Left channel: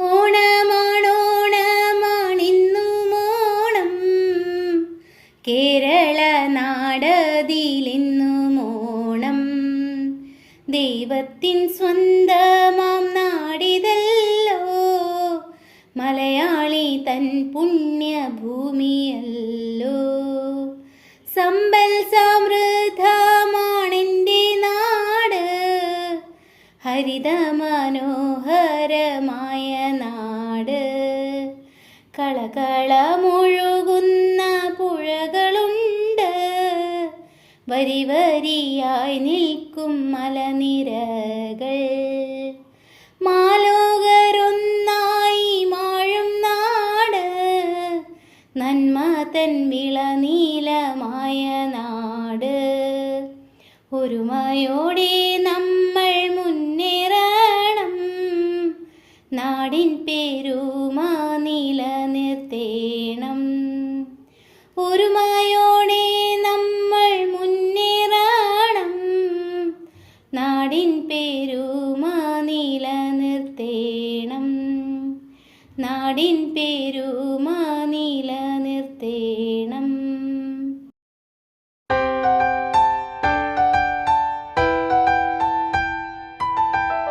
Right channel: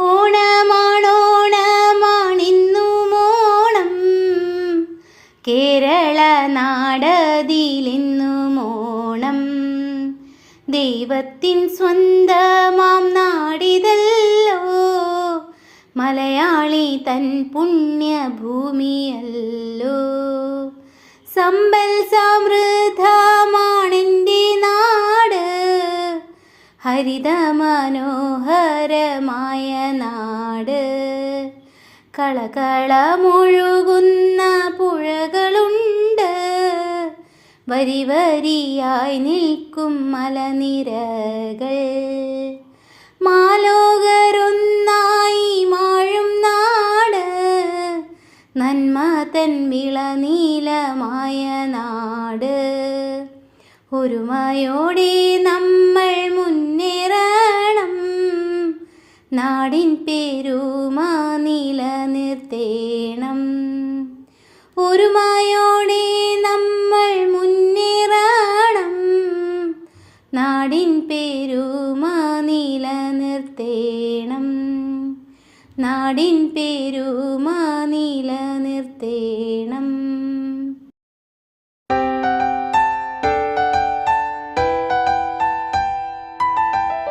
ഓണമാണോണമാണിന്നുമോണം കേരള നാടതിലിന്നുമോണം ദൈവത്തിൻ സ്വന്തമാം നാടിതല്ലോ. മലയാളി തൻ പുണ്യഭൂമിയല്ലോ. സമ്പൽ ഹരിത മനോഹരമായ നാട്. കളകളമൊഴുകുന്ന പുഴകളുണ്ട്. വരി വരിയായി നിൽക്കും മലനിരകൾ. മാലോകരൊന്നായി മാഴും നാട്. നന്മ തൻ വിളനീലമായ നാട്. ഒരുമയോടെ നമ്മൾ നാടിൻ പേരുമ നിലനിർത്തേണം. ഒരുമയോടെ നമ്മൾ മുന്നേറണം. നാടിൻ പേരുമ നിലനിർത്തേണം. നാടിൻ പേരുമ നിലനിർത്തേണം.